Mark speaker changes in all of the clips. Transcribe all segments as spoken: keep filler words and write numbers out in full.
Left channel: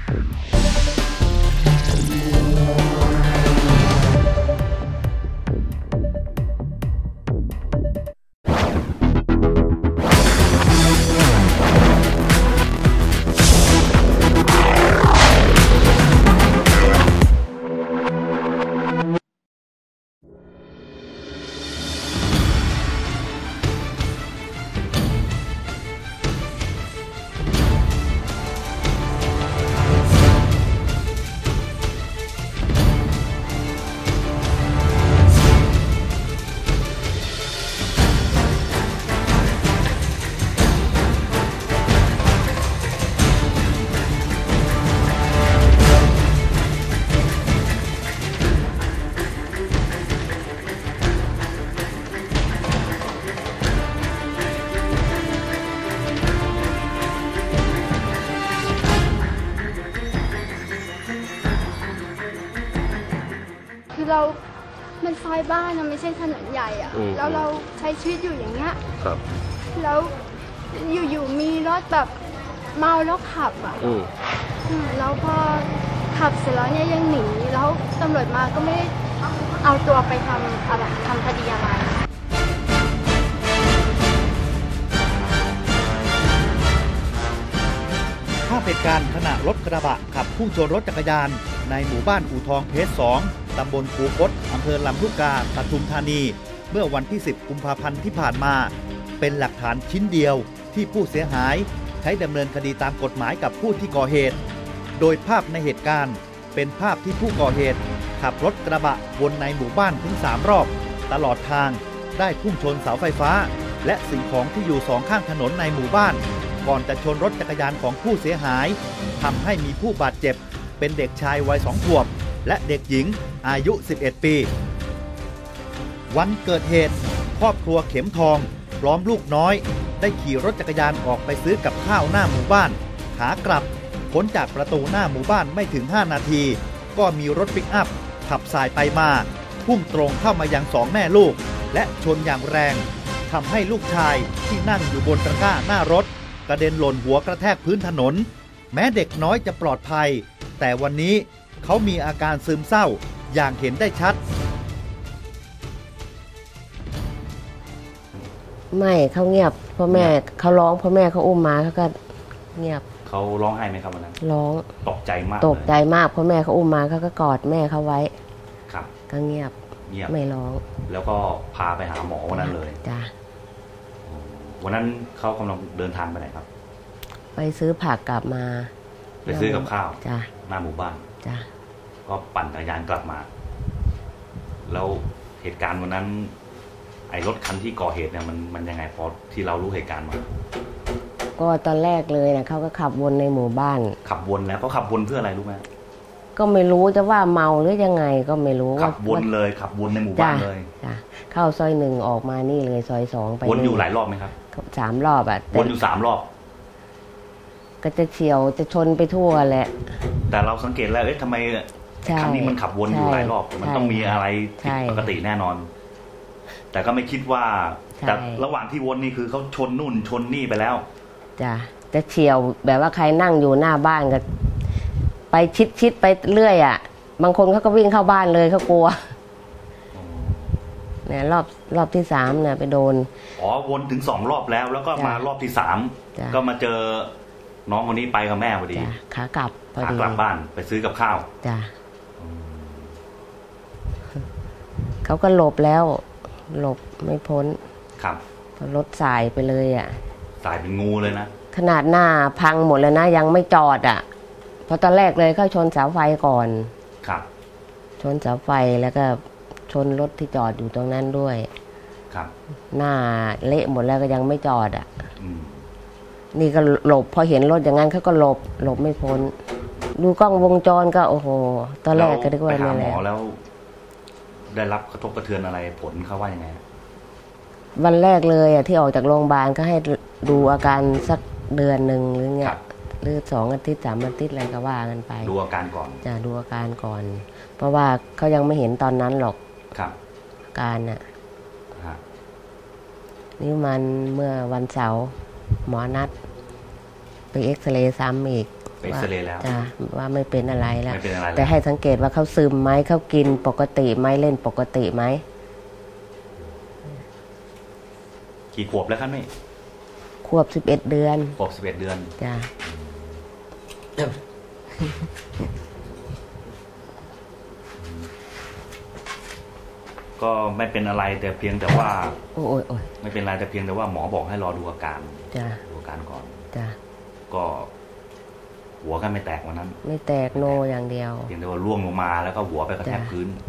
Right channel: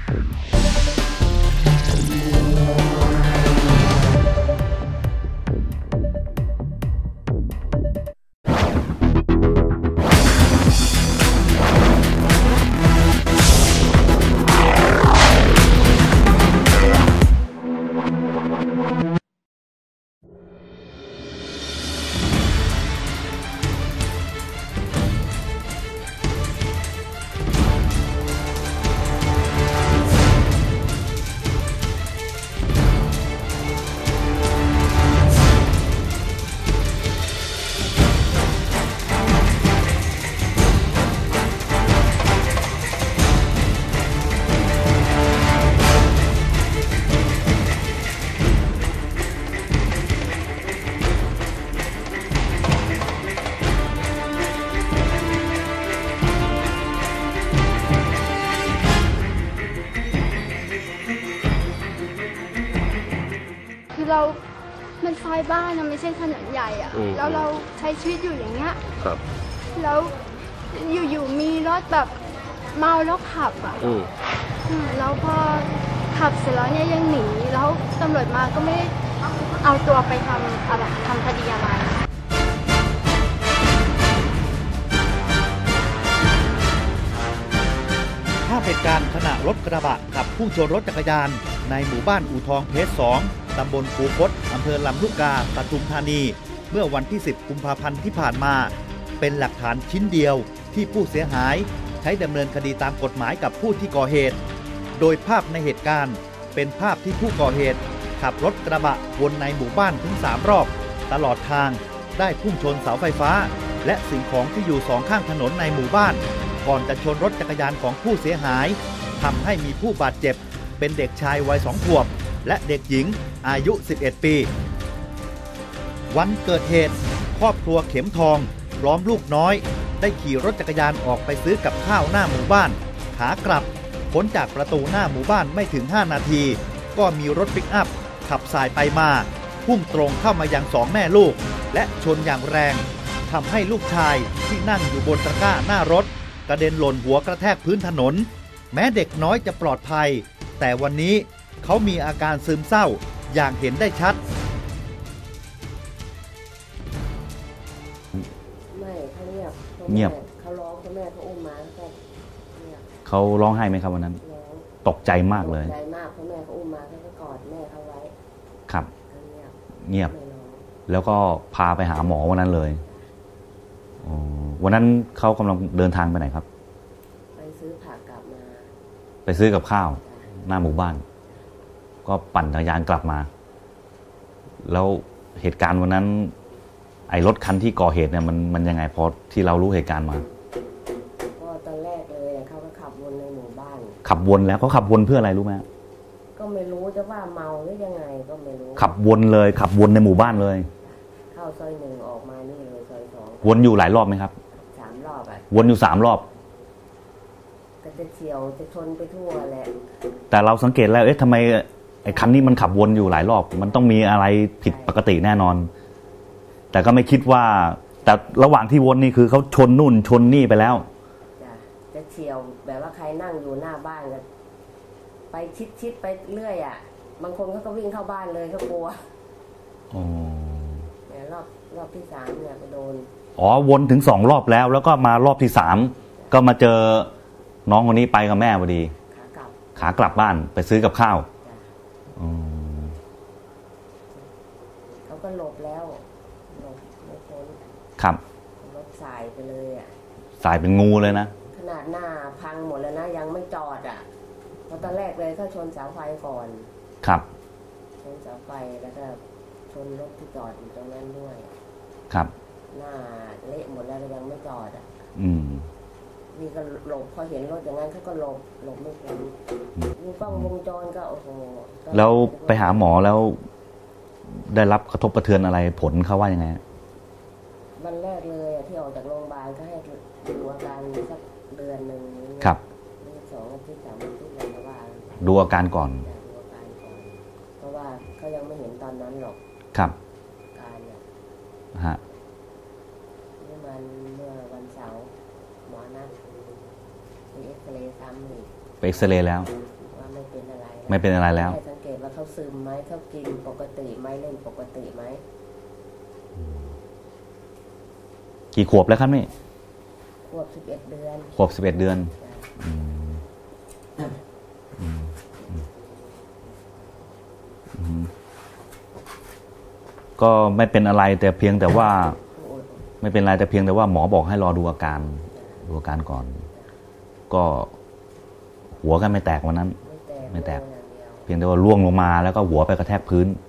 Speaker 1: เรามันซอยบ้านนะไม่ใช่ถนนใหญ่อะแล้วเราใช้ชีวิตอยู่อย่างเงี้ยแล้วอยู่ๆมีรถแบบเมาแล้วขับอะแล้วพอขับเสร็จแล้วเนี่ยยังหนีแล้วตำรวจมาก็ไม่เอาตัวไปทำอะไรทำคดีอะไร
Speaker 2: ภาพเหตุการณ์ขณะรถกระบะขับพุ่งชนรถจักรยานในหมู่บ้านอู่ทองเพชรสองตำบลคูคตอำเภอลำลูกกาปทุมธานีเมื่อวันที่สิบกุมภาพันธ์ที่ผ่านมาเป็นหลักฐานชิ้นเดียวที่ผู้เสียหายใช้ดำเนินคดีตามกฎหมายกับผู้ที่ก่อเหตุโดยภาพในเหตุการณ์เป็นภาพที่ผู้ก่อเหตุขับรถกระบะวนในหมู่บ้านถึงสามรอบตลอดทางได้พุ่งชนเสาไฟฟ้าและสิ่งของที่อยู่สองข้างถนนในหมู่บ้านก่อนจะชนรถจักรยานของผู้เสียหายทำให้มีผู้บาดเจ็บเป็นเด็กชายวัยสองขวบและเด็กหญิงอายุสิบเอ็ดปีวันเกิดเหตุครอบครัวเข็มทองพร้อมลูกน้อยได้ขี่รถจักรยานออกไปซื้อกับข้าวหน้าหมู่บ้านขากลับพ้นจากประตูหน้าหมู่บ้านไม่ถึงห้านาทีก็มีรถปิกอัพขับสายไปมาพุ่งตรงเข้ามายังสองแม่ลูกและชนอย่างแรงทำให้ลูกชายที่นั่งอยู่บนตะกร้าหน้ารถกระเด็นหล่นหัวกระแทกพื้นถนนแม้เด็กน้อยจะปลอดภัยแต่วันนี้เขามีอาการซึมเศร้าอย่างเห็นได้ชัด
Speaker 3: ไม่เขาเงียบพ่อแม่เขาร้องพ่อแม่เขาอุ้มมาเขาก็เงียบ
Speaker 4: เขาร้องไห้ไหมครับวันนั้น
Speaker 3: ร้อง
Speaker 4: ตกใจมากเลย
Speaker 3: ตกใจมากพ่อแม่เขาอุ้มมาเขาก็กอดแม่เขาไว้
Speaker 4: ครับ
Speaker 3: ก็เงียบ
Speaker 4: เงียบ
Speaker 3: ไม่ร้อง
Speaker 4: แล้วก็พาไปหาหมอวันนั้นเลย
Speaker 3: จ้ะ
Speaker 4: วันนั้นเขากำลังเดินทางไปไหนครับ
Speaker 3: ไปซื้อผักกลับมา
Speaker 4: ไปซื้อกับข้าว
Speaker 3: จ้ะ
Speaker 4: หน้าหมู่บ้าน
Speaker 3: จ้ะ
Speaker 4: ก็ปั่นจักรยานกลับมาแล้วเหตุการณ์วันนั้นไอ้รถคันที่ก่อเหตุเนี่ยมันมันยังไงพอที่เรารู้เหตุการณ์มา
Speaker 3: ก็ตอนแรกเลยนะเขาก็ขับวนในหมู่บ้าน
Speaker 4: ขับวนแล้วเขาขับวนเพื่ออะไรรู้ไหม
Speaker 3: ก็ไม่รู้จะว่าเมาหรือยังไงก็ไม่รู้
Speaker 4: ขับวนเลยขับวนในหมู่บ้านเลย
Speaker 3: จ้ะเข้าซอยหนึ่งออกมานี่เลยซอยสองไป
Speaker 4: วนอยู่หลายรอบไหมครับ
Speaker 3: สามรอบอ่ะ
Speaker 4: วนอยู่สามรอบ
Speaker 3: ก็จะเฉียวจะชนไปทั่วแหละ
Speaker 4: แต่เราสังเกตแล้วเอ๊ะทำไมไอ้คันนี้มันขับวนอยู่หลายรอบมันต้องมีอะไรผิดปกติแน่นอนแต่ก็ไม่คิดว่าแต่ระหว่างที่วนนี่คือเขาชนนู่นชนนี่ไปแล้ว
Speaker 3: จ้ะจะเฉียวแบบว่าใครนั่งอยู่หน้าบ้านก็ไปชิดชิดไปเรื่อยอ่ะบางคนเขาก็วิ่งเข้าบ้านเลยเขากลัวเนี่ยรอบรอบที่สามเนี่ยไปโดน
Speaker 4: อ๋อวนถึงสองรอบแล้วแล้วก็มารอบที่สามก็มาเจอน้องคนนี้ไปกับแม่พอดี
Speaker 3: ขากลับ
Speaker 4: ขากลับบ้านไปซื้อกับข้าว
Speaker 3: จ้ะเขาก็หลบแล้วหลบไม่พ้น
Speaker 4: ครับ
Speaker 3: รถสายไปเลยอ่ะ
Speaker 4: สายเป็นงูเลยนะ
Speaker 3: ขนาดหน้าพังหมดเลยนะยังไม่จอดอ่ะเพราะตอนแรกเลยเขาชนเสาไฟก่อน
Speaker 4: ครับ
Speaker 3: ชนเสาไฟแล้วก็ชนรถที่จอดอยู่ตรงนั้นด้วย
Speaker 4: ครับ
Speaker 3: หน้าเละหมดแล้วก็ยังไม่จอดอ่ะ
Speaker 4: อืม
Speaker 3: นี่ก็หลบพอเห็นรถอย่างนั้นเขาก็หลบหลบไม่พ้นดูกล้องวงจรก็โอ้โห
Speaker 4: ตอนแรกก็ได้ไปหาหมอแล้วได้รับกระทบกระเทือนอะไรผลเขาว่ายังไง
Speaker 3: วันแรกเลยอ่ะที่ออกจากโรงพยาบาลก็ให้ดูอาการสักเดือนหนึ่งหรือไงหรือสองอาทิตย์สามอาทิตย์อะไรก็ว่ากันไป
Speaker 4: ดูอาการก่อน
Speaker 3: จะดูอาการก่อนเพราะว่าเขายังไม่เห็นตอนนั้นหรอก
Speaker 4: ครับ
Speaker 3: อาการน่ะ
Speaker 4: ฮะ
Speaker 3: นี่มันเมื่อวันเสาร์หมอนัดไปเอ็กซเรย์ซ้ำอีก
Speaker 4: ไปเอ็กซเรย์แล้ว
Speaker 3: ว่าไม่เป็นอะไรแล้ว
Speaker 4: ไม่เป็นอะไรแล้ว
Speaker 3: แต่ให้สังเกตว่าเขาซึมไหมเขากินปกติไหมเล่นปกติไหม
Speaker 4: กี่ขวบแล้วครับนี่
Speaker 3: ขวบสิบเอ็ดเดือน
Speaker 4: ขวบสิบเอ็ดเดือน
Speaker 3: จ้ะ
Speaker 4: ก็ไม่เป็นอะไรแต่เพียงแต่ว่า
Speaker 3: โอ้ยโอ้ย
Speaker 4: ไม่เป็นไรแต่เพียงแต่ว่าหมอบอกให้รอดูอาการดูอาการก่อนก็หัวกันไม่แตกวันนั้น
Speaker 3: ไม่แตกโนอย่างเดียว
Speaker 4: เพียงแต่ว่าร่วงลงมาแล้วก็หัวไปกระแทกพื้น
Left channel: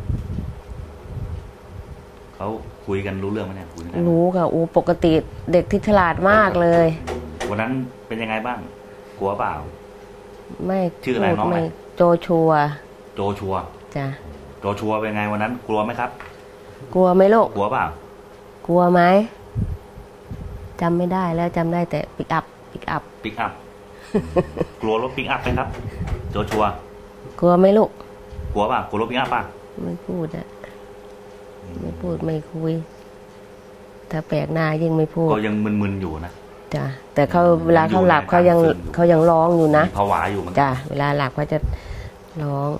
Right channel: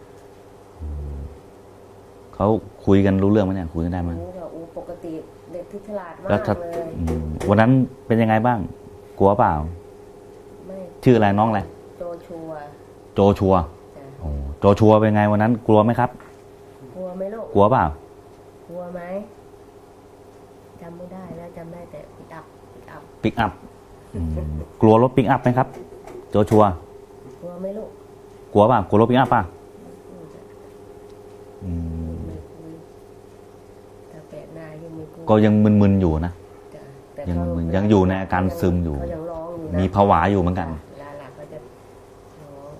Speaker 4: เขาคุยกันรู้เรื่องไหมเนี่ยคุยกันได้
Speaker 3: รู้ค่ะอูปกติเด็กที่ฉลาดมากเลย
Speaker 4: วันนั้นเป็นยังไงบ้างกลัวเปล่า
Speaker 3: ไม่
Speaker 4: ชื่ออะไรน้องอะไร
Speaker 3: โจชัว
Speaker 4: โจชัว
Speaker 3: จ้ะ
Speaker 4: โจชัวเป็นไงวันนั้นกลัวไหมครับ
Speaker 3: กลัวไหมลูก
Speaker 4: กลัวเปล่า
Speaker 3: กลัวไหมจำไม่ได้แล้วจำได้แต่ปิกอัพปิกอัพ
Speaker 4: ปิกอัพกลัวรถปิกอัพไหมครับโจชัว
Speaker 3: กลัวไหมลูก
Speaker 4: กลัวเปล่ากลัวรถปิกอัพป่ะ
Speaker 3: ไม่พูดอะไม่พูดไม่คุยถ้าแปลกหน้ายิ่งไม่พูด
Speaker 4: ก็ยังมึนๆอยู่นะ
Speaker 3: จ้ะแต่เขาเวลาเขาหลับเขายังเขายังร้องอยู่นะ
Speaker 4: มีผวาอยู่เหมือนกัน
Speaker 3: จ้ะเวลาหลับเขาจะร้อง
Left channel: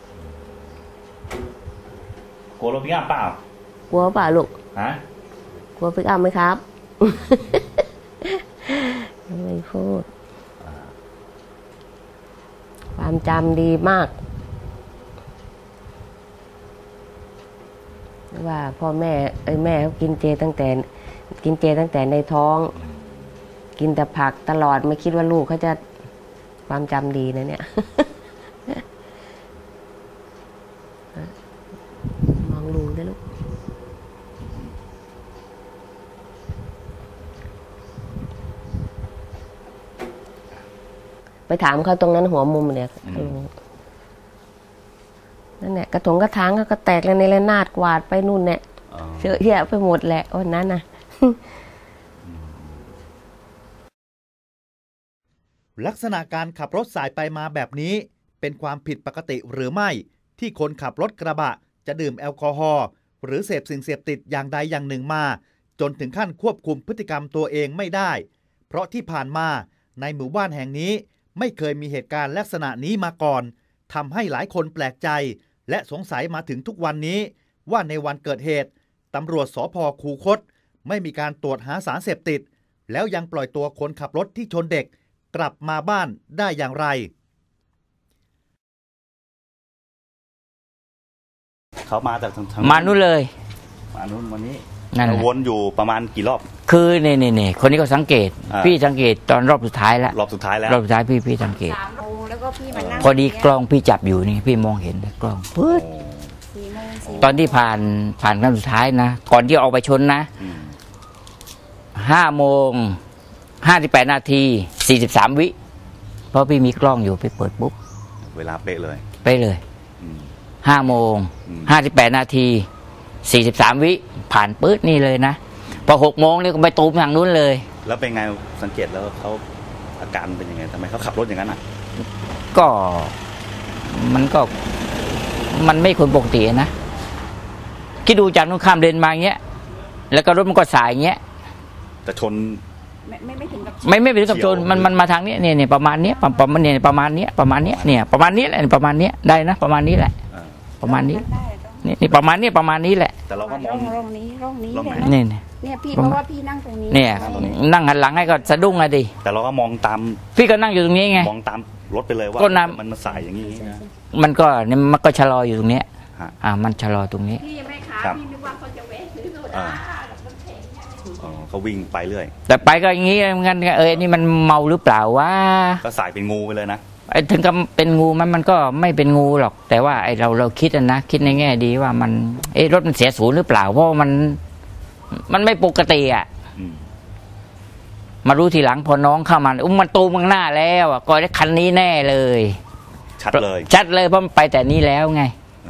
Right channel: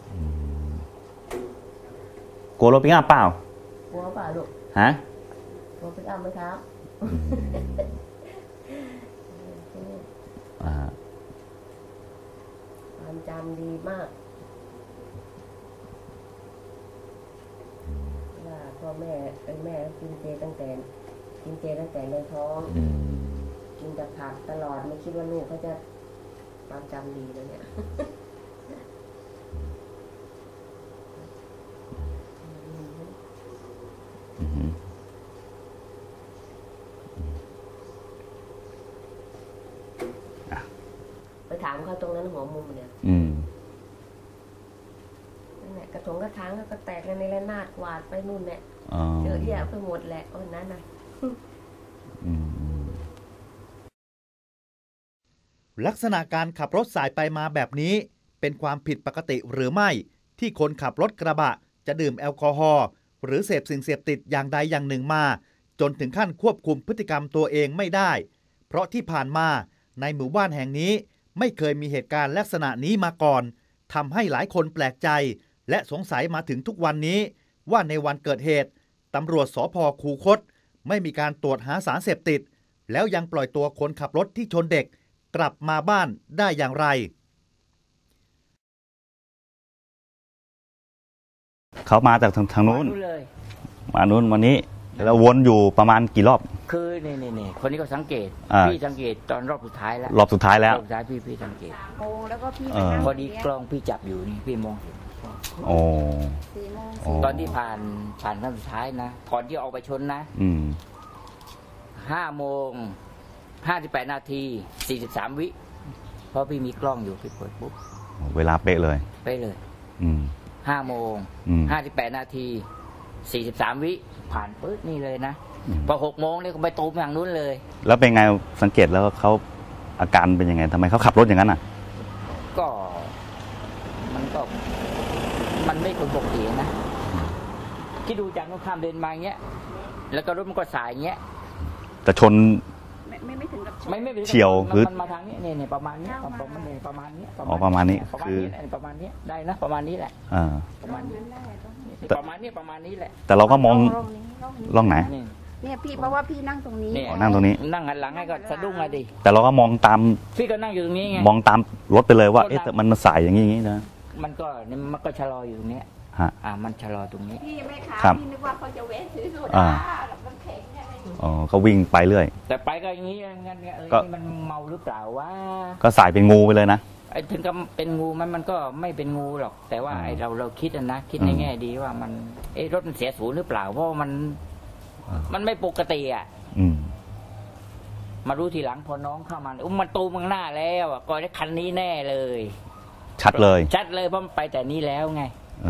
Speaker 4: กลัวรถปิกอัพเปล่า
Speaker 3: กลัวเปล่าลูก
Speaker 4: ฮะ
Speaker 3: กลัวปิกอัพไหมครับไม่พูดความจำดีมากว่าพ่อแม่ไอ้แม่เขากินเจตั้งแต่กินเจตั้งแต่ในท้องกินแต่ผักตลอดไม่คิดว่าลูกเขาจะความจำดีนะเนี่ยมองลุงด้วยลูกไปถามเขาตรงนั้นหัวมุมเนี่ยนั่นแหละกระถงกระถางก็แตกแล้วในระนาดกวาดไปนู่นเนี่ยเยอะแยะไปหมดแหละวันนั้นนะ
Speaker 2: ลักษณะการขับรถสายไปมาแบบนี้เป็นความผิดปกติหรือไม่ที่คนขับรถกระบะจะดื่มแอลกอฮอล์หรือเสพสิ่งเสพติดอย่างใดอย่างหนึ่งมาจนถึงขั้นควบคุมพฤติกรรมตัวเองไม่ได้เพราะที่ผ่านมาในหมู่บ้านแห่งนี้ไม่เคยมีเหตุการณ์ลักษณะนี้มาก่อนทำให้หลายคนแปลกใจและสงสัยมาถึงทุกวันนี้ว่าในวันเกิดเหตุตำรวจสภ.คูคตไม่มีการตรวจหาสารเสพติดแล้วยังปล่อยตัวคนขับรถที่ชนเด็กกลับมาบ้านได้อย่างไร
Speaker 4: เขามาจากทางทาง
Speaker 5: มานู่นเลย
Speaker 4: มานู่นวันนี้เราวนอยู่ประมาณกี่รอบ
Speaker 5: คือเนี่ยเนี่ยคนนี้ก็สังเกตพี่สังเกตตอนรอบสุดท้ายแล้ว
Speaker 4: รอบสุดท้ายแล้ว
Speaker 5: รอบสุดท้ายพี่พี่สังเกตพอดีกล้องพี่จับอยู่นี่พี่มองเห็นกล้องตอนที่ผ่านผ่านครั้งสุดท้ายนะก่อนที่ออกไปชนนะห้าโมงห้าสิบแปดนาทีสี่สิบสามวิเพราะพี่มีกล้องอยู่ไปเปิดปุ๊บ
Speaker 4: เวลาเป๊ะเลย
Speaker 5: เป๊ะเลยห้าโมงห้าสิบแปดนาทีสี่สิบสามวิผ่านปื๊ดนี่เลยนะพอหกโมงนี่ก็ไปตูมทางนู้นเลย
Speaker 4: แล้วเป็นไงสังเกตแล้วเขาอาการเป็นยังไงทำไมเขาขับรถอย่างนั้นอ่ะ
Speaker 5: ก็มันก็มันไม่คนปกตินะคิดดูจากนู้นข้ามเลนมาอย่างเงี้ยแล้วก็รถมันก็สายอย่างเงี้ย
Speaker 4: กระชน
Speaker 5: ไม่ไม่ถึงกับไม่ไม่ถึงกับชนมันมันมาทางนี้เนี่ยเนี่ยประมาณนี้ประมาณเนี่ยประมาณนี้ประมาณนี้เนี่ยประมาณนี้แหละประมาณนี้ได้นะประมาณนี้แหละประมาณนี้นี่ประมาณนี้ประมาณนี้แหละ
Speaker 4: แต่เราก็มอง
Speaker 6: ร่องนี้ร่องนี้
Speaker 4: ร่องไหน
Speaker 5: นี่
Speaker 6: เนี่ยพี่เพราะว่าพี่นั่งตรงนี้
Speaker 5: เนี่ย
Speaker 4: นั่งตรงนี้
Speaker 5: นั่งหันหลังให้ก็สะดุ้งอะดิ
Speaker 4: แต่เราก็มองตาม
Speaker 5: พี่ก็นั่งอยู่ตรงนี้ไง
Speaker 4: มองตามรถไปเลยว่ามันมาสายอย่างนี้อย่างนี้นะ
Speaker 5: มันก็เนี่ยมันก็ชะลออยู่ตรงนี้อ่ามันชะลอตรงนี้
Speaker 6: พี่ไม่ขาพี่นึกว่าเขาจะเวทซื้อโซดา
Speaker 4: อ๋อเขาวิ่งไปเรื่อย
Speaker 5: แต่ไปก็อย่างนี้งั้นเออนี่มันเมาหรือเปล่าวะ
Speaker 4: ก็สายเป็นงูไปเลยนะ
Speaker 5: ไอ้ถึงกับเป็นงูมันมันก็ไม่เป็นงูหรอกแต่ว่าไอ้เราเราคิดนะคิดในแง่ดีว่ามันเอ้รถมันเสียศูนย์หรือเปล่าเพราะมันมันไม่ปกติอ่ะมารู้ทีหลังพอน้องเข้ามาอุ้มมันตูมข้างหน้าแล้วอ่ะก็ได้คันนี้แน่เลย
Speaker 4: ชัดเลย
Speaker 5: ชัดเลยเพราะมันไปแต่นี้แล้วไง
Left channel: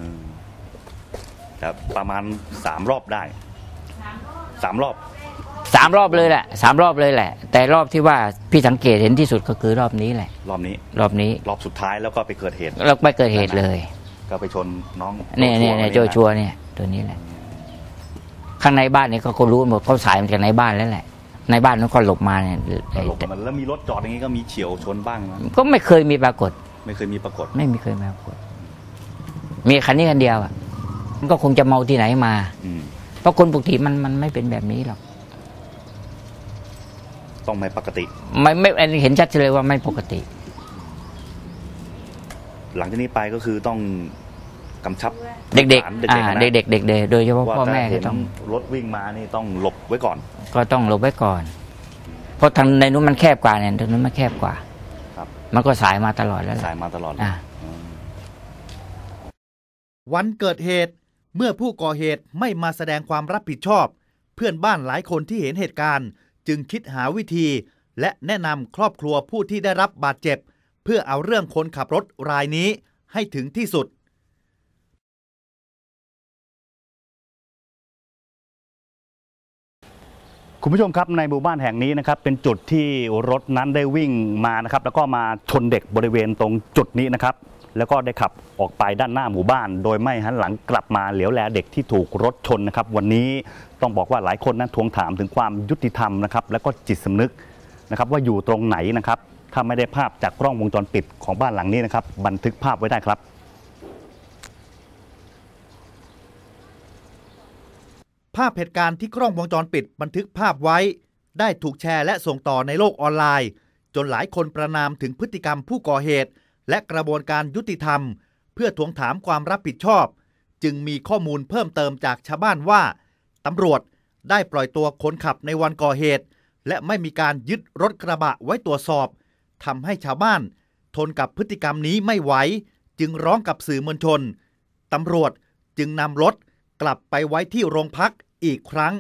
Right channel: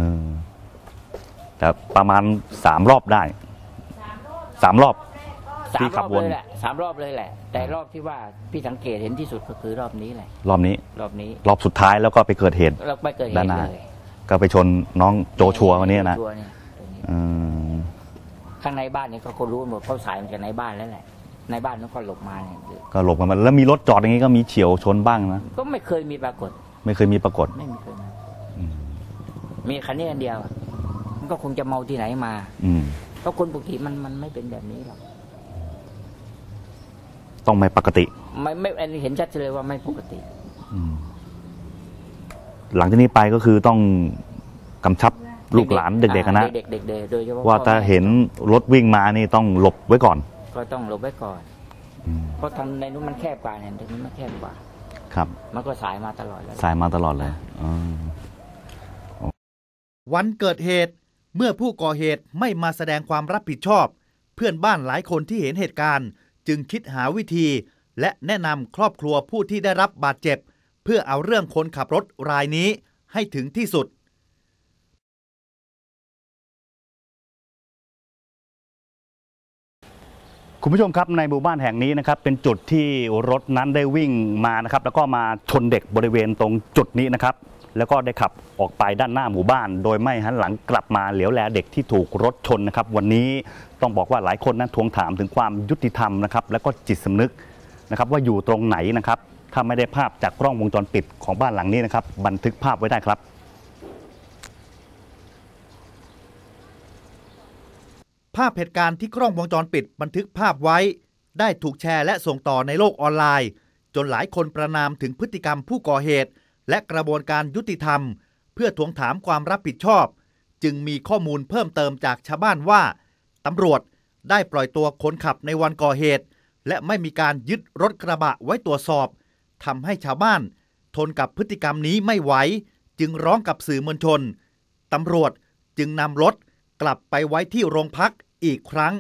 Speaker 4: ครับประมาณสามรอบได้สามรอบ
Speaker 5: สามรอบเลยแหละสามรอบเลยแหละแต่รอบที่ว่าพี่สังเกตเห็นที่สุดก็คือรอบนี้แหละ
Speaker 4: รอบนี้
Speaker 5: รอบนี้
Speaker 4: รอบสุดท้ายแล้วก็ไปเกิดเหตุ
Speaker 5: แล้วไปเกิดเหตุเลย
Speaker 4: ก็ไปชนน้องโจชัว
Speaker 5: เนี่ยโจชัวเนี่ยตัวนี้แหละข้างในบ้านเนี่ยเขาก็รู้หมดเขาสายมาจากในบ้านแล้วแหละในบ้านนั้นก็หลบมาเนี่ย
Speaker 4: ก็หลบมาแล้วมีรถจอดอย่างนี้ก็มีเฉียวชนบ้างนะ
Speaker 5: ก็ไม่เคยมีปรากฏ
Speaker 4: ไม่เคยมีปรากฏ
Speaker 5: ไม่มีเคยปรากฏมีคันนี้คันเดียวอ่ะมันก็คงจะเมาที่ไหนมาเพราะคนปกติมันมันไม่เป็นแบบนี้หรอก
Speaker 4: ต้องไม่ปกติ
Speaker 5: ไม่ไม่เห็นชัดเลยว่าไม่ปกติ
Speaker 4: หลังจากนี้ไปก็คือต้องกำชับ
Speaker 5: เด็กๆเด็กๆนะเด็กๆเด็กๆโดยเฉพาะ
Speaker 4: ว่าถ้าเห็นรถวิ่งมานี่ต้องหลบไว้ก่อน
Speaker 5: ก็ต้องหลบไว้ก่อนเพราะทางในนู้นมันแคบกว่าเนี่ยทางนู้นมันแคบกว่า
Speaker 4: ครับ
Speaker 5: มันก็สายมาตลอดแล้ว
Speaker 4: สายมาตลอดเลย
Speaker 2: วันเกิดเหตุเมื่อผู้ก่อเหตุไม่มาแสดงความรับผิดชอบเพื่อนบ้านหลายคนที่เห็นเหตุการณ์จึงคิดหาวิธีและแนะนำครอบครัวผู้ที่ได้รับบาดเจ็บเพื่อเอาเรื่องคนขับรถรายนี้ให้ถึงที่สุด
Speaker 4: คุณผู้ชมครับในหมู่บ้านแห่งนี้นะครับเป็นจุดที่รถนั้นได้วิ่งมานะครับแล้วก็มาชนเด็กบริเวณตรงจุดนี้นะครับแล้วก็ได้ขับออกไปด้านหน้าหมู่บ้านโดยไม่หันหลังกลับมาเหลียวแลเด็กที่ถูกรถชนนะครับวันนี้ต้องบอกว่าหลายคนนั้นทวงถามถึงความยุติธรรมนะครับแล้วก็จิตสำนึกนะครับว่าอยู่ตรงไหนนะครับถ้าไม่ได้ภาพจากกล้องวงจรปิดของบ้านหลังนี้นะครับบันทึกภาพไว้ได้ครับ
Speaker 2: ภาพเหตุการณ์ที่กล้องวงจรปิดบันทึกภาพไว้ได้ถูกแชร์และส่งต่อในโลกออนไลน์จนหลายคนประณามถึงพฤติกรรมผู้ก่อเหตุและกระบวนการยุติธรรมเพื่อทวงถามความรับผิดชอบจึงมีข้อมูลเพิ่มเติมจากชาวบ้านว่าตำรวจได้ปล่อยตัวคนขับในวันก่อเหตุและไม่มีการยึดรถกระบะไว้ตรวจสอบทำให้ชาวบ้านทนกับพฤติกรรมนี้ไม่ไหวจึงร้องกับสื่อมวลชนตำรวจจึงนำรถกลับไปไว้ที่โรงพักอีกครั้ง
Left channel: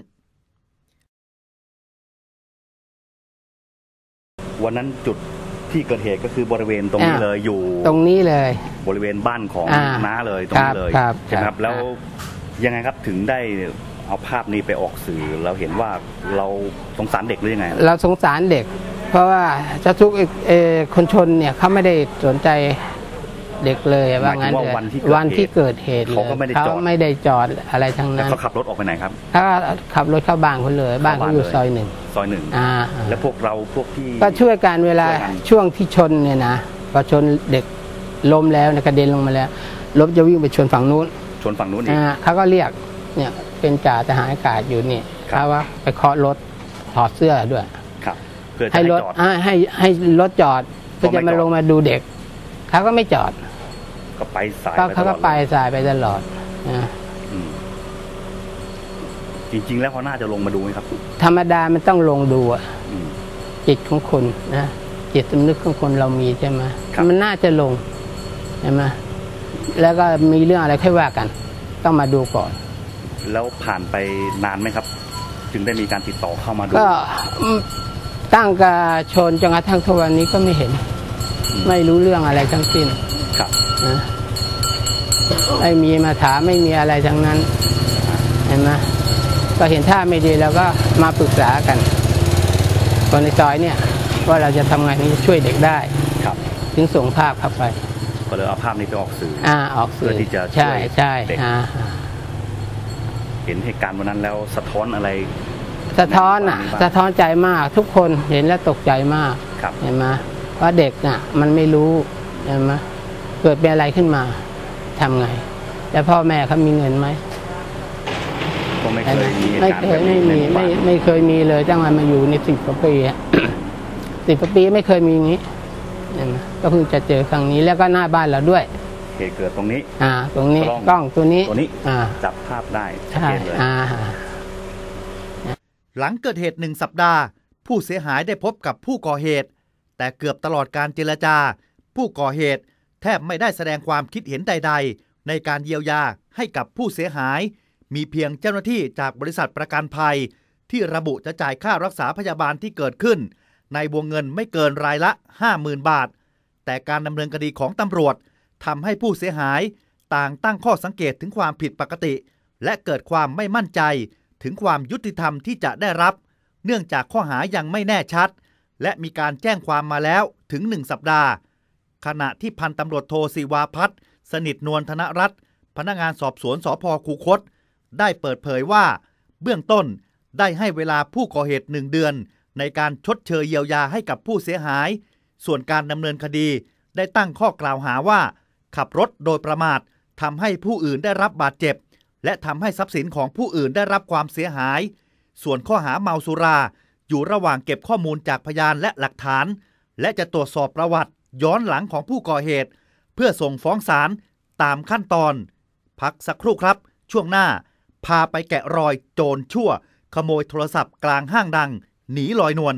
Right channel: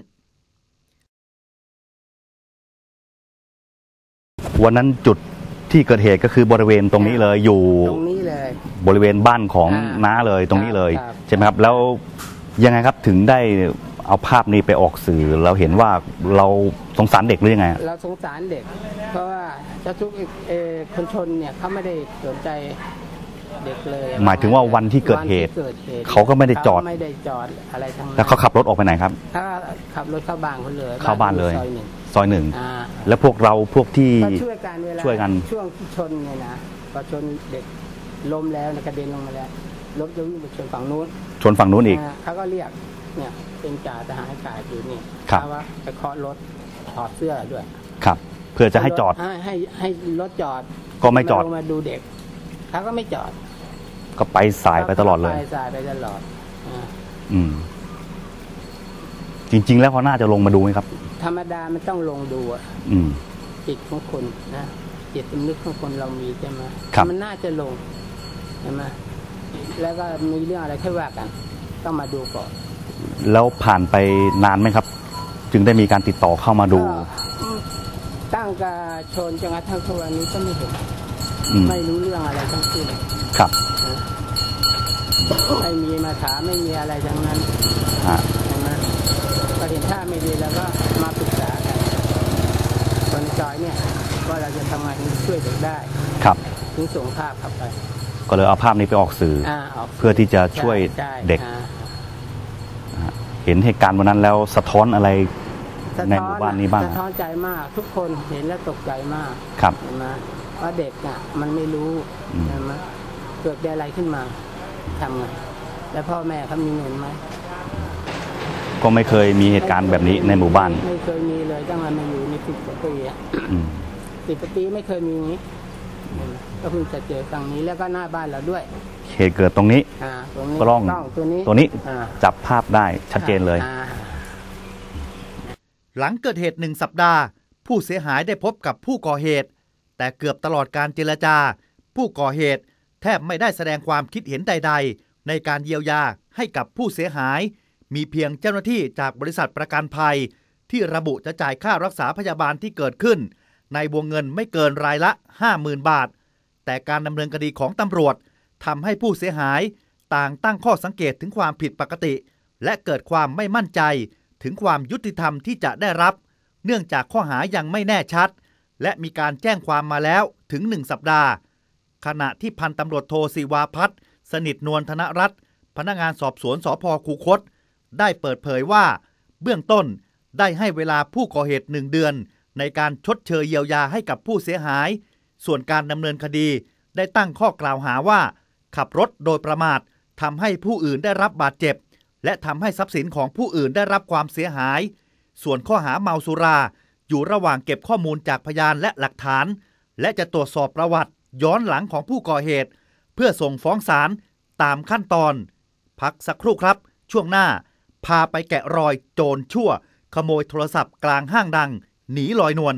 Speaker 4: วันนั้นจุดที่เกิดเหตุก็คือบริเวณตรงนี้เลยอยู่
Speaker 3: ตรงนี้เลย
Speaker 4: บริเวณบ้านของน้าเลยตรงนี้เลยใช่ไหมครับแล้วยังไงครับถึงได้เอาภาพนี้ไปออกสื่อเราเห็นว่าเราสงสารเด็กหรือยังไง
Speaker 3: เราสงสารเด็กเพราะว่าเจ้าทุกคนชนเนี่ยเขาไม่ได้สนใจเด็กเลย
Speaker 4: หมายถึงว่าวันที่เ
Speaker 3: กิดเหตุ
Speaker 4: เขาก็ไม่ได้จอด
Speaker 3: ไม่ได้จอดอะไรทั้งนั้น
Speaker 4: แล้วเขาขับรถออกไปไหนครับ
Speaker 3: ถ้าขับรถเข้าบ้านเขาเลยบ้านเขาอยู่ซอยหนึ่ง
Speaker 4: ซอยหนึ่งแล้วพวกเราพวกที่
Speaker 3: ก็ช่วยกันเวลาช่วงที่ชนเนี่ยนะพอชนเด็กล้มแล้วกระเด็นลงมาแล้วรถจะวิ่งไปชนฝั่งนู้น
Speaker 4: ชนฝั่งนู้นอีก
Speaker 3: เขาก็เรียกเนี่ยเป็นจ่าทหารอากาศอยู่นี่เขาว่าไปเคาะรถถอดเสื้อด้วย
Speaker 4: ครับเพื่อจะให้จอด
Speaker 3: ให้ให้รถจอด
Speaker 4: ก็ไม่จอด
Speaker 3: ลงมาดูเด็กเขาก็ไม่จอด
Speaker 4: ก็ไปสายไปตลอดเลย
Speaker 3: ไปสายไปตลอด
Speaker 4: จริงๆแล้วเขาน่าจะลงมาดูไหมครับ
Speaker 3: ธรรมดามันต้องลงดูอ่ะจิตของคนนะจิตสำนึกของคนเรามีใช่ไหมมันน่าจะลงใช่ไหมแล้วก็มีเรื่องอะไรค่อยว่ากันต้องมาดูก่อน
Speaker 4: แล้วผ่านไปนานไหมครับจึงได้มีการติดต่อเข้ามาดู
Speaker 3: ก็ตั้งกระชนจนกระทั่งทุกวันนี้ก็ไม่เห็นไม่รู้เรื่องอะไรทั้งสิ้น
Speaker 4: ครับ
Speaker 3: ไม่มีมาถามไม่มีอะไรทั้งนั้นเห็นไหมก็เห็นท่าไม่ดีแล้วก็มาปรึกษากันคนในซอยเนี่ยว่าเราจะทำไงนี้ช่วยเด็กได้
Speaker 4: ครับ
Speaker 3: ถึงส่งภาพเข้าไป
Speaker 4: ก็เลยเอาภาพนี้ไปออกสื่อเพื่อที่จะช่วยเด็กเห็นเหตุการณ์วันนั้นแล้วสะท้อนอะไร
Speaker 3: สะท้อนอ่ะสะท้อนใจมากทุกคนเห็นแล้วตกใจมากเห็นไหมว่าเด็กน่ะมันไม่รู้เห็นไหมเกิดเป็นอะไรขึ้นมาทำไงแล้วพ่อแม่เขามีเงินไหม
Speaker 4: ก็ไม่เคยมีเหตุการณ์แบบนี้ในหมู่บ้าน
Speaker 3: ไม่เคยมีเลยตั้งแต่มาอยู่ในสิบกว่าปีสิบกว่าปีไม่เคยมีอย่างนี้ก็เพิ่งจะเจอครั้งนี้แล้วก็หน้าบ้านเราด้วย
Speaker 4: เหตุเกิดตรงนี้
Speaker 3: อ่าตรงนี้กล้องตัวนี้
Speaker 4: ตัวนี้จับภาพได้ชัดเจนเลย
Speaker 2: หลังเกิดเหตุหนึ่งสัปดาห์ผู้เสียหายได้พบกับผู้ก่อเหตุแต่เกือบตลอดการเจรจาผู้ก่อเหตุแทบไม่ได้แสดงความคิดเห็นใดๆในการเยียวยาให้กับผู้เสียหายมีเพียงเจ้าหน้าที่จากบริษัทประกันภัยที่ระบุจะจ่ายค่ารักษาพยาบาลที่เกิดขึ้นในวงเงินไม่เกินรายละ ห้าหมื่น บาทแต่การดำเนินคดีของตำรวจทำให้ผู้เสียหายต่างตั้งข้อสังเกตถึงความผิดปกติและเกิดความไม่มั่นใจถึงความยุติธรรมที่จะได้รับเนื่องจากข้อหายังไม่แน่ชัดและมีการแจ้งความมาแล้วถึงหนึ่งสัปดาห์ขณะที่พันตำรวจโทศิวาภัทรสนิทนวลธนรัตน์พนักงานสอบสวนสภ.คูคตได้เปิดเผยว่าเบื้องต้นได้ให้เวลาผู้ก่อเหตุหนึ่งเดือนในการชดเชยเยียวยาให้กับผู้เสียหายส่วนการดำเนินคดีได้ตั้งข้อกล่าวหาว่าขับรถโดยประมาททำให้ผู้อื่นได้รับบาดเจ็บและทำให้ทรัพย์สินของผู้อื่นได้รับความเสียหายส่วนข้อหาเมาสุราอยู่ระหว่างเก็บข้อมูลจากพยานและหลักฐานและจะตรวจสอบประวัติย้อนหลังของผู้ก่อเหตุเพื่อส่งฟ้องศาลตามขั้นตอนพักสักครู่ครับช่วงหน้าพาไปแกะรอยโจรชั่วขโมยโทรศัพท์กลางห้างดังหนีลอยนวล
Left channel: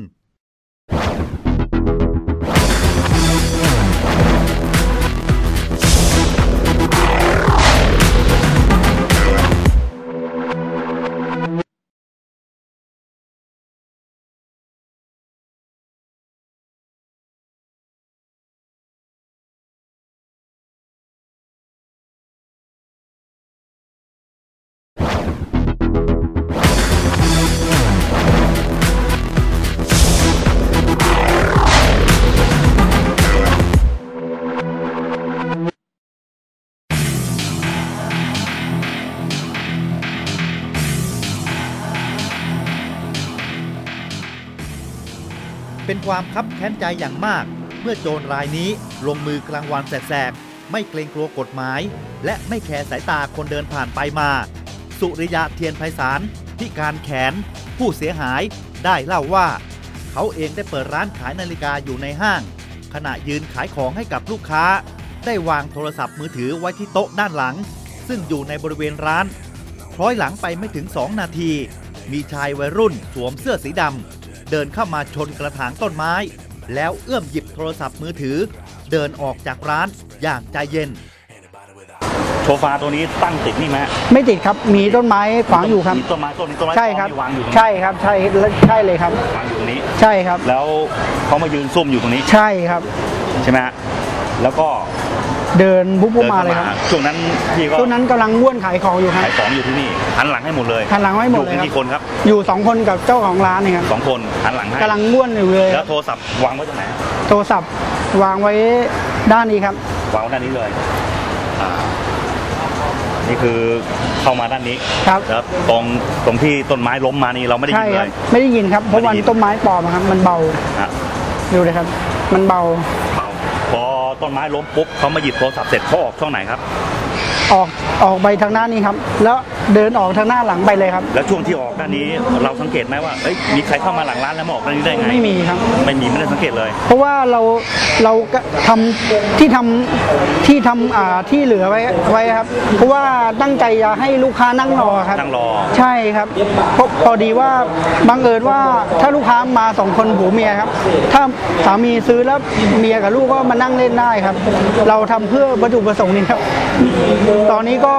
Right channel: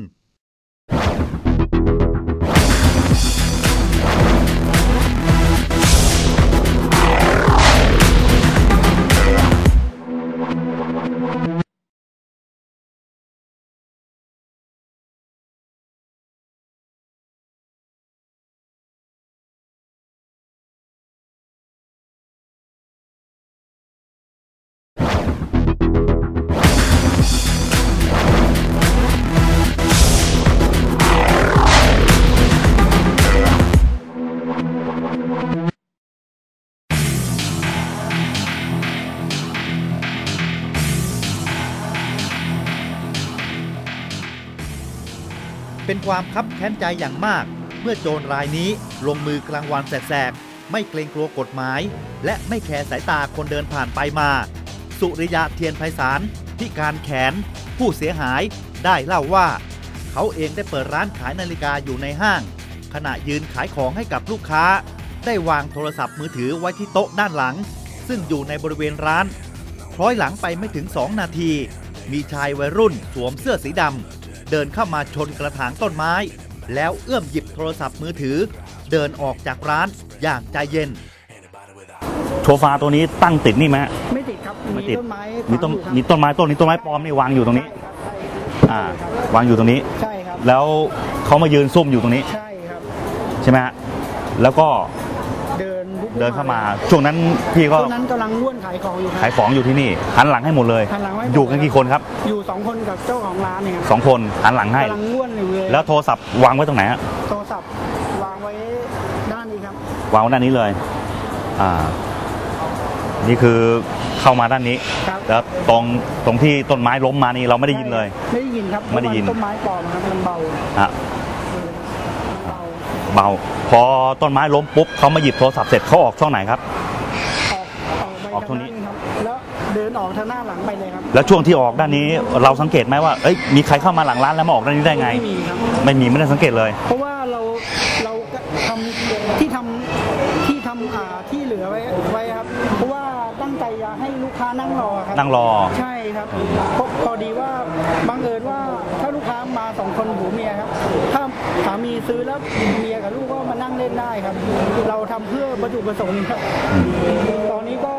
Speaker 2: เป็นความคับแค้นใจอย่างมากเมื่อโจรรายนี้ลงมือกลางวันแสกๆไม่เกรงกลัวกฎหมายและไม่แคร์สายตาคนเดินผ่านไปมาสุริยะเทียนไพศาลพิการแขนผู้เสียหายได้เล่าว่าเขาเองได้เปิดร้านขายนาฬิกาอยู่ในห้างขณะยืนขายของให้กับลูกค้าได้วางโทรศัพท์มือถือไว้ที่โต๊ะด้านหลังซึ่งอยู่ในบริเวณร้านคล้อยหลังไปไม่ถึงสองนาทีมีชายวัยรุ่นสวมเสื้อสีดำเดินเข้ามาชนกระถางต้นไม้แล้วเอื้อมหยิบโทรศัพท์มือถือเดินออกจากร้านอย่างใจเย็น
Speaker 4: โซฟาตัวนี้ตั้งติดนี่ไหม
Speaker 7: ไม่ติดครับมีต้นไม้ขวางอยู่ครับ
Speaker 4: มีต้นไม้ต้นนี้ต้นไม้ปลอมที่วางอยู่ตรงนี้
Speaker 7: ใช่ครับใช่ใช่เลยครับ
Speaker 4: วางอยู่ตรงนี้
Speaker 7: ใช่ครับ
Speaker 4: แล้วเขามายืนซุ่มอยู่ตรงนี้
Speaker 7: ใช่ครับ
Speaker 4: ใช่ไหมฮะแล้วก็
Speaker 7: เดินปุ๊บมาเลยครับ
Speaker 4: ช่วงนั้นพี่ก็
Speaker 7: ช่วงนั้นกำลังม้วนขายของอยู่ครับ
Speaker 4: ขายของอยู่ที่นี่หันหลังให้หมดเลย
Speaker 7: หันหลังให้หมด
Speaker 4: อยู่กี่คนครับ
Speaker 7: อยู่สองคนกับเจ้าของร้านนี่ครับ
Speaker 4: สองคนหันหลังให้
Speaker 7: กำลังม้วนอยู่เลย
Speaker 4: แล้วโทรศัพท์วางไว้ตรงไหนฮะ
Speaker 7: โทรศัพท์วางไว้ด้านนี้ครับ
Speaker 4: วางไว้ด้านนี้เลยอ่านี่คือเข้ามาด้านนี้
Speaker 7: ครับ
Speaker 4: แล้วตรงตรงที่ต้นไม้ล้มมานี่เราไม่ได้ยินเลย
Speaker 7: ไม่ได้ยินครับเพราะมันต้นไม้ปลอมครับมันเบา
Speaker 4: อ่ะ
Speaker 7: ดูเลยครับมันเบา
Speaker 4: เบาพอต้นไม้ล้มปุ๊บเขามาหยิบโทรศัพท์เสร็จเขาออกช่องไหนครับ
Speaker 7: ออกออกไปทางหน้านี้ครับแล้วเดินออกทางหน้าหลังไปเลยครับ
Speaker 4: แล้วช่วงที่ออกด้านนี้เราสังเกตไหมว่าเอ้ยมีใครเข้ามาหลังร้านแล้วมาออกด้านนี้ได้ไง
Speaker 7: ไม่มีครับ
Speaker 4: ไม่มีไม่ได้สังเกตเลย
Speaker 7: เพราะว่าเราเราทำที่ทำที่ทำอ่าที่เหลือไว้ไว้ครับเพราะว่าตั้งใจจะให้ลูกค้านั่งรอครับ
Speaker 4: นั่งรอ
Speaker 7: ใช่ครับพอดีว่าบังเอิญว่าถ้าลูกค้ามาสองคนผัวเมียครับถ้าสามีซื้อแล้วเมียกับลูกก็มานั่งเล่นได้ครับเราทำเพื่อวัตถุประสงค์นี้ครับตอนนี้ก็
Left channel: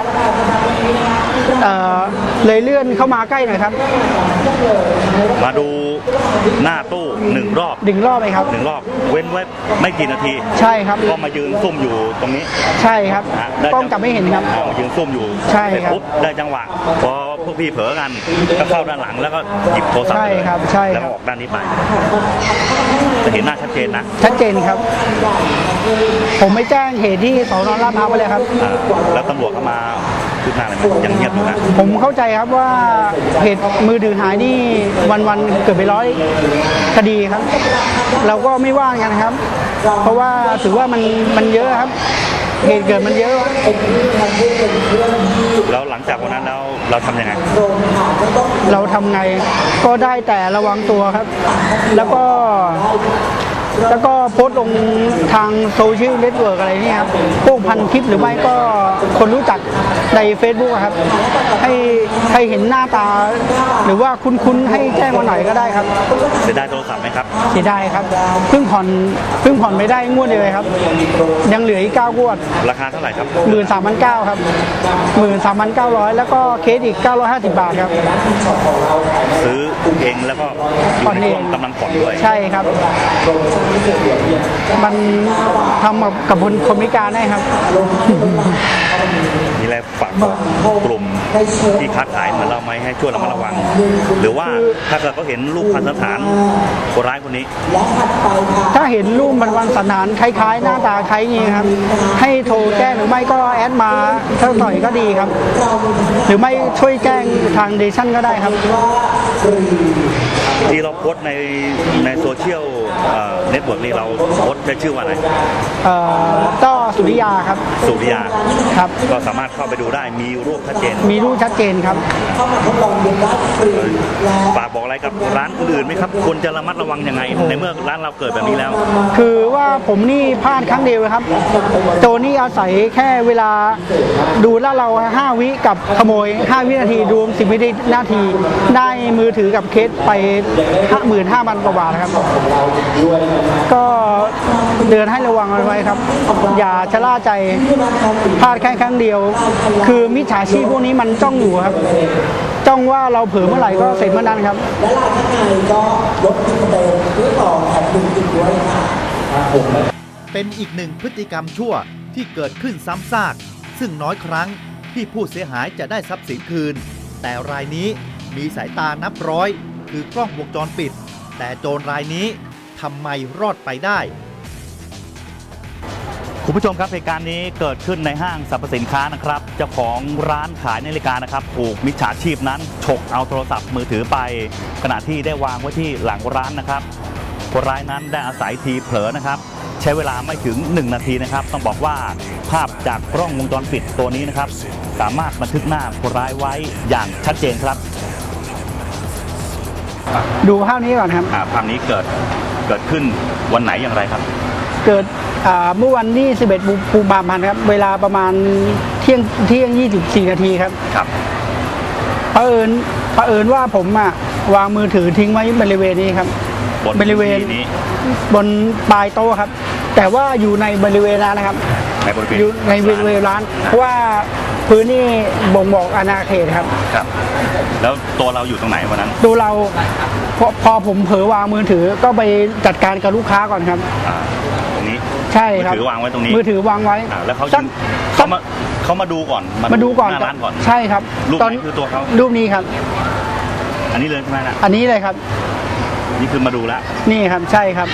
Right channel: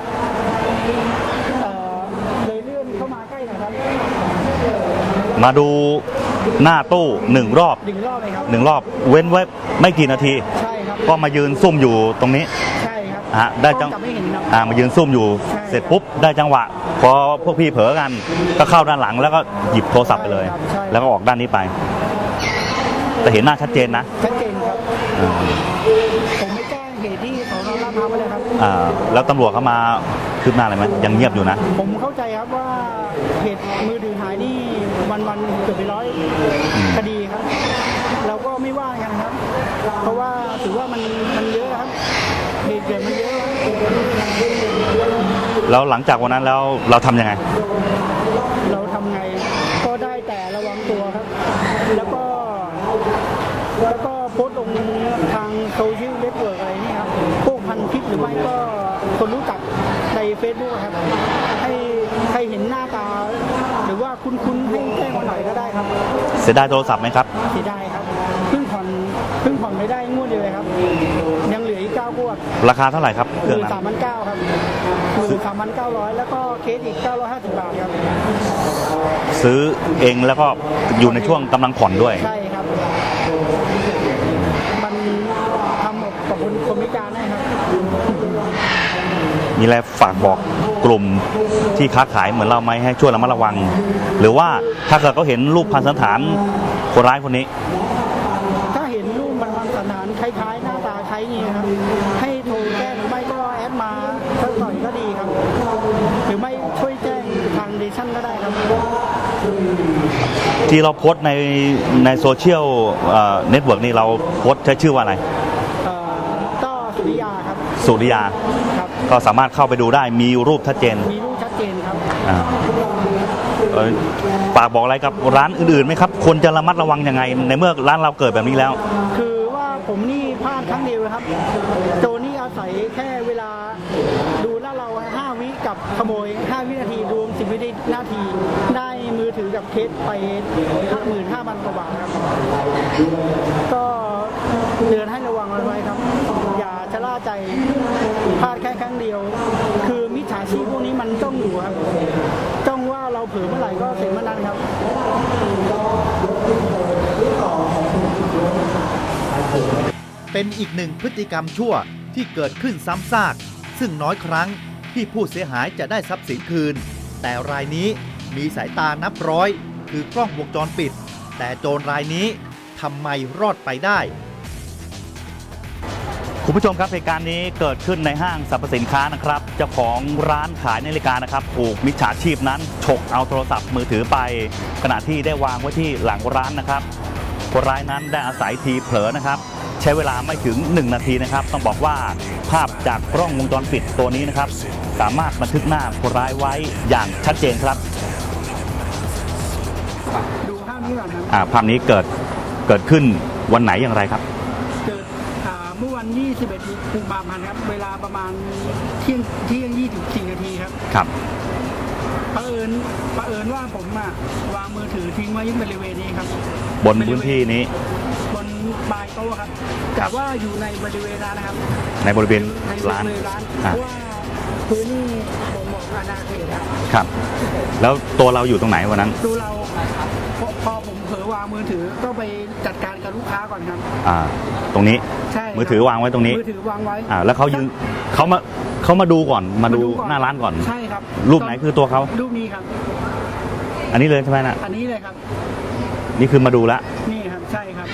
Speaker 7: เลยเลื่อนเข้ามาใกล้หน่อยครับ
Speaker 4: มาดูหน้าตู้หนึ่งรอบ
Speaker 7: หนึ่งรอบเลยครับ
Speaker 4: หนึ่งรอบเว้นไว้ไม่กี่นาที
Speaker 7: ใช่ครับ
Speaker 4: ก็มายืนซุ่มอยู่ตรงนี้
Speaker 7: ใช่ครับกล้องจับไม่เห็นครับ
Speaker 4: มายืนซุ่มอยู่เสร็จปุ๊บได้จังหวะพอพวกพี่เผลอกันก็เข้าด้านหลังแล้วก็หยิบโทรศัพท์เลยแล้วก็ออกด้านนี้ไปจะเห็นหน้าชัดเจนนะ
Speaker 7: ชัดเจนครับผมไม่แจ้งเหตุที่สน.ลาดพร้าวไปเลยครับ
Speaker 4: แล้วตำรวจเข้ามาคืบหน้าอะไรไหมยังเงียบอยู่นะ
Speaker 7: ผมเข้าใจครับว่าเหตุมือถือหายนี่วันๆเกือบไปร้อยคดีครับเราก็ไม่ว่างกันครับเพราะว่าถือว่ามันมันเยอะครับเหตุเกิดมันเยอะ
Speaker 4: แล้วหลังจากวันนั้นแล้วเราทำยังไง
Speaker 7: เราทำไงก็ได้แต่ระวังตัวครับแล้วก็แล้วก็โพสต์ลงทางโซเชียลเน็ตเวิร์กอะไรนี่ครับพวกพันทิปหรือไม่ก็คนรู้จักใน Facebook ครับให้ให้เห็นหน้าตาหรือว่าคุ้นๆให้แจ้งมาหน่อยก็ได้ครับ
Speaker 4: เสียดายโทรศัพท์ไหมครับ
Speaker 7: เสียดายครับเพิ่งผ่อนเพิ่งผ่อนไม่ได้งวดเลยครับยังเหลืออีกเก้างวด
Speaker 4: ราคาเท่าไหร่ครับ
Speaker 7: หมื่นสามพันเก้าครับหมื่นสามพันเก้าร้อยแล้วก็เคสอีกเก้าร้อยห้าสิบบาทครับ
Speaker 4: ซื้อเองแล้วก็อยู่ในช่วงกำลังผ่อนด้วย
Speaker 7: ใช่ครับมันทำกับคนคนพิการได้ครับ
Speaker 4: มีอะไรฝากบอกกลุ่มที่ค้าขายเหมือนเราไหมให้ช่วยระมัดระวังหรือว่าถ้าเกิดเขาเห็นรูปพันสันฐานคนร้ายคนนี้
Speaker 7: ถ้าเห็นรูปพันสันฐานคล้ายๆหน้าตาคล้ายนี้ครับให้โทรแจ้งหรือไม่ก็แอดมาสักหน่อยก็ดีครับหรือไม่ช่วยแจ้งทางเดชั่นก็ได้ครับ
Speaker 4: ที่เราโพสในในโซเชียลเน็ตเวิร์กนี่เราโพสใช้ชื่อว่าอะไร
Speaker 7: ต้อสุริยาครับ
Speaker 4: สุริยา
Speaker 7: ครับ
Speaker 4: ก็สามารถเข้าไปดูได้มีรูปชัดเจน
Speaker 7: มีรูปชัดเจนครับ
Speaker 4: ฝากบอกอะไรกับร้านอื่นๆไหมครับควรจะระมัดระวังยังไงในเมื่อร้านเราเกิดแบบนี้แล้ว
Speaker 7: คือว่าผมนี่พลาดครั้งเดียวครับโจรนี่อาศัยแค่เวลาดูลาดเราห้าวิกับขโมยห้าวินาทีรวมสิบวินาทีได้มือถือกับเคสไปห้าหมื่นห้าพันกว่าบาทครับก็เตือนให้ระวังไว้ครับอย่าชะล่าใจพลาดแค่ครั้งเดียวคือมิจฉาชีพพวกนี้มันจ้องอยู่ครับจ้องว่าเราเผลอเมื่อไหร่ก็เสร็จเมื่อนั้นครับ
Speaker 2: เป็นอีกหนึ่งพฤติกรรมชั่วที่เกิดขึ้นซ้ำซากซึ่งน้อยครั้งที่ผู้เสียหายจะได้ทรัพย์สินคืนแต่รายนี้มีสายตานับร้อยคือกล้องวงจรปิดแต่โจรรายนี้ทำไมรอดไปได้
Speaker 4: คุณผู้ชมครับเหตุการณ์นี้เกิดขึ้นในห้างสรรพสินค้านะครับเจ้าของร้านขายนาฬิกานะครับถูกมิจฉาชีพนั้นฉกเอาโทรศัพท์มือถือไปขณะที่ได้วางไว้ที่หลังร้านนะครับคนร้ายนั้นได้อาศัยทีเผลอนะครับใช้เวลาไม่ถึงหนึ่งนาทีนะครับต้องบอกว่าภาพจากกล้องวงจรปิดตัวนี้นะครับสามารถบันทึกหน้าคนร้ายไว้อย่างชัดเจนครับ
Speaker 7: ดูภาพนี้ก่อนครับ
Speaker 4: ภาพนี้เกิดเกิดขึ้นวันไหนอย่างไรครับ
Speaker 7: เกิดเมื่อวันที่สิบเอ็ดกุมภาพันธ์ครับเวลาประมาณเที่ยงเที่ยงยี่สิบสี่นาทีครับ
Speaker 4: ครับ
Speaker 7: เผอิญเผอิญว่าผมอ่ะวางมือถือทิ้งไว้บริเวณนี้ครับ
Speaker 4: บริเวณนี้
Speaker 7: บนปลายโต๊ะครับแต่ว่าอยู่ในบริเวณร้านนะครับ
Speaker 4: ในบริเวณ
Speaker 7: ในบริเวณร้านเพราะว่าพื้นนี่บ่งบอกอาณาเขตครับ
Speaker 4: ครับแล้วตัวเราอยู่ตรงไหนวันนั้น
Speaker 7: ตัวเราพอพอผมเผลอวางมือถือก็ไปจัดการกับลูกค้าก่อนครับ
Speaker 4: อ่าตรงนี้
Speaker 7: ใช่
Speaker 4: มือถือวางไว้ตรงนี้
Speaker 7: มือถือวางไว้
Speaker 4: อ่าแล้วเขายืนเขามาเขามาดูก่อน
Speaker 7: มาดูก่อน
Speaker 4: หน้าร้านก่อน
Speaker 7: ใช่ครับ
Speaker 4: รูปไหนคือตัวเขา
Speaker 7: รูปนี้ครับ
Speaker 4: อันนี้เลยใช่ไหมนะ
Speaker 7: อันนี้เลยครับ
Speaker 4: นี่คือมาดูแล้ว
Speaker 7: นี่ครับใช่ครับ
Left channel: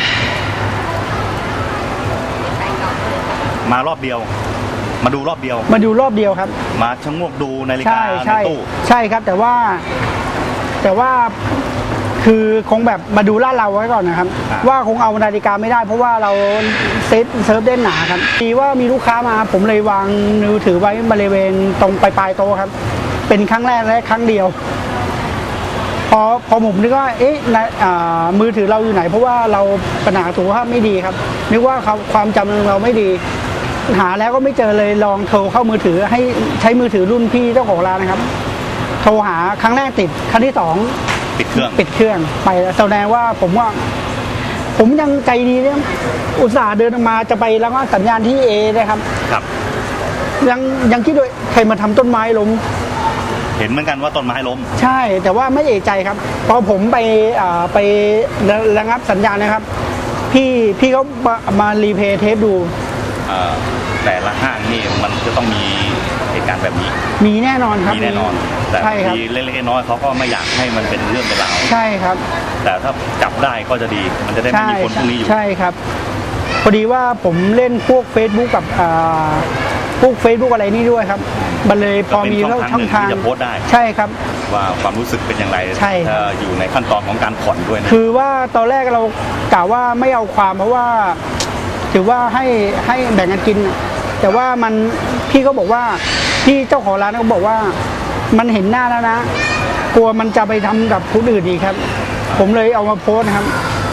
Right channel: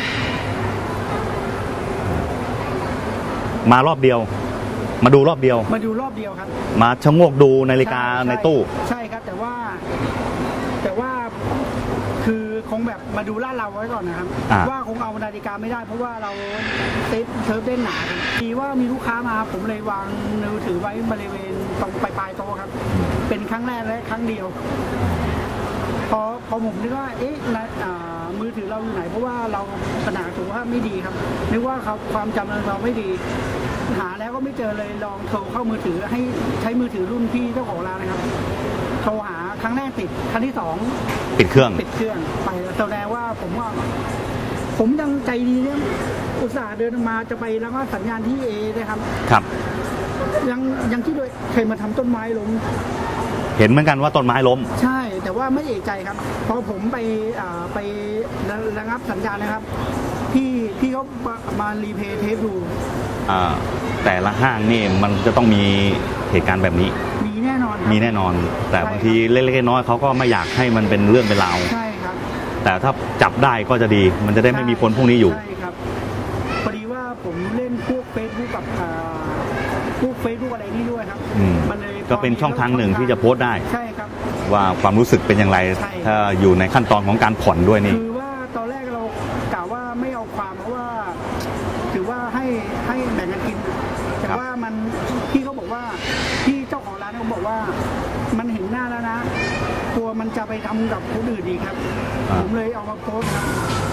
Speaker 4: มารอบเดียวมาดูรอบเดียว
Speaker 7: มาดูรอบเดียวครับ
Speaker 4: มาชะโงกดูนาฬิกาในตู้
Speaker 7: ใช่ครับแต่ว่าแต่ว่าคือคงแบบมาดูลาดเราไว้ก่อนนะครับว่าคงเอานาฬิกาไม่ได้เพราะว่าเราเซตเซิร์ฟเด้นหนาครับดีว่ามีลูกค้ามาผมเลยวางมือถือไว้บริเวณตรงปลายโต๊ะครับเป็นครั้งแรกและครั้งเดียวพอพอผมนึกว่าเอ๊ะมือถือเราอยู่ไหนเพราะว่าเราปัญหาสุขภาพไม่ดีครับนึกว่าความจำเราไม่ดีหาแล้วก็ไม่เจอเลยลองโทรเข้ามือถือให้ใช้มือถือรุ่นพี่เจ้าของร้านนะครับโทรหาครั้งแรกติดครั้งที่สอง
Speaker 4: ปิดเครื่อง
Speaker 7: ปิดเครื่องไปแสดงว่าผมว่าผมยังใจดีเนี่ยอุตส่าห์เดินมาจะไปแล้วก็สัญญาณที่เอนะครับ
Speaker 4: ครับ
Speaker 7: ยังยังคิดด้วยใครมาทำต้นไม้ล้ม
Speaker 4: เห็นเหมือนกันว่าต้นไม้ล้ม
Speaker 7: ใช่แต่ว่าไม่เอะใจครับพอผมไปไประงับสัญญาณนะครับพี่พี่เขามารีเพย์เทปดู
Speaker 4: แต่ละห้างนี่มันจะต้องมีเหตุการณ์แบบนี้
Speaker 7: มีแน่นอนครับ
Speaker 4: มีแน่นอนแต่ทีเล็กๆน้อยเขาก็ไม่อยากให้มันเป็นเรื่องเป็นราว
Speaker 7: ใช่ครับ
Speaker 4: แต่ถ้าจับได้ก็จะดีมันจะได้ไม่มีคนพวกนี้อยู่
Speaker 7: ใช่ครับพอดีว่าผมเล่นพวก Facebook กับพวก Facebook อะไรนี่ด้วยครับมันเลยพอมี
Speaker 4: ช่องทางหนึ่งที่จะโพสต์ได้
Speaker 7: ใช่ครับ
Speaker 4: ว่าความรู้สึกเป็นอย่างไรอยู่ในขั้นตอนของการผ่อนด้วยนี่
Speaker 7: คือว่าตอนแรกเรากล่าวว่าไม่เอาความเพราะว่าถือว่าให้ให้แบ่งกันกินแต่ว่ามันพี่ก็บอกว่าพี่เจ้าของร้านเขาบอกว่ามันเห็นหน้าแล้วนะกลัวมันจะไปทำกับผู้อื่นอีกครับผมเลยเอามาโพสต์ครับ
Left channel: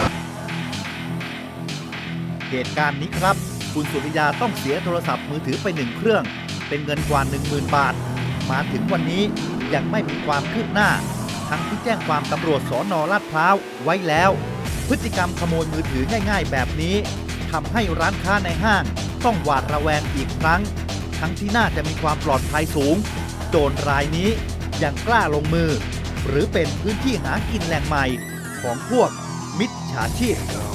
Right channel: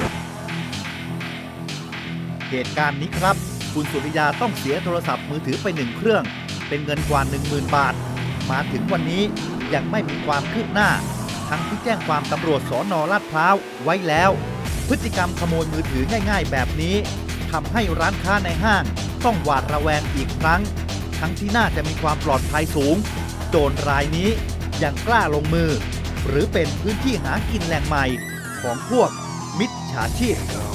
Speaker 2: เหตุการณ์นี้ครับคุณสุริยาต้องเสียโทรศัพท์มือถือไปหนึ่งเครื่องเป็นเงินกว่า หนึ่งหมื่น บาทมาถึงวันนี้ยังไม่มีความคืบหน้าทั้งที่แจ้งความตำรวจสน.ลาดพร้าวไว้แล้วพฤติกรรมขโมยมือถือง่ายๆแบบนี้ทำให้ร้านค้าในห้างต้องหวาดระแวงอีกครั้งทั้งที่น่าจะมีความปลอดภัยสูงโจรรายนี้ยังกล้าลงมือหรือเป็นพื้นที่หากินแหล่งใหม่ของพวกมิจฉาชีพ